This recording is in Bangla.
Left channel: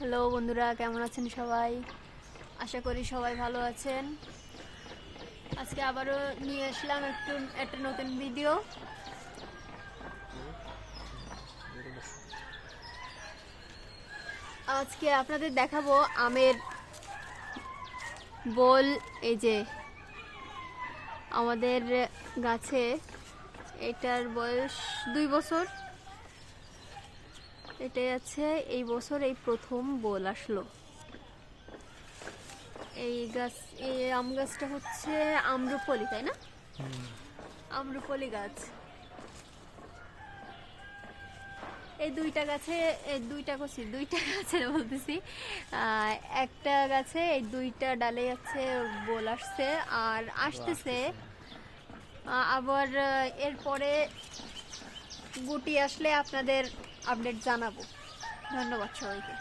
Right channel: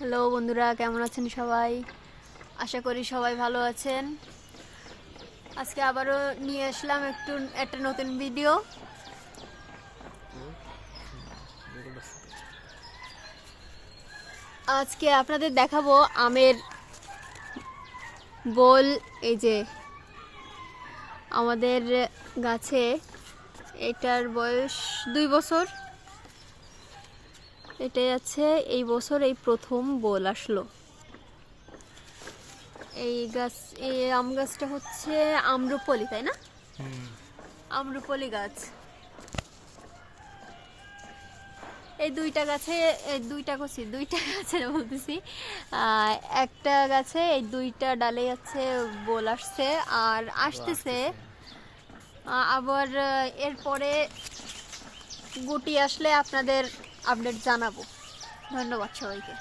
হ্যালো বন্ধুরা, কেমন আছেন সবাই? আশা করি সবাই ভালো আছেন। আজকে আবারও নিয়ে আসলাম একটা নতুন ভিডিও। আজকে আপনাদের দেখাবো আমের বোল। এই যে আমাদের গাছে এটার বয়স 2 বছর। এটাই আছে, এই বছর এই প্রথম বোল আসলো। এই আম গাছটা হচ্ছে আম্রপলি, তাই না? আম্রপলি গাছ। এই দুইটা গাছে বলতেছি, একটা গাছে এই দুইটা ডালে আছে বোল আসছে আর আসতেছে। আবার এরপরে গুটি আসলে আপনাদের আপডেট জানাবো। ধন্যবাদ সবাইকে।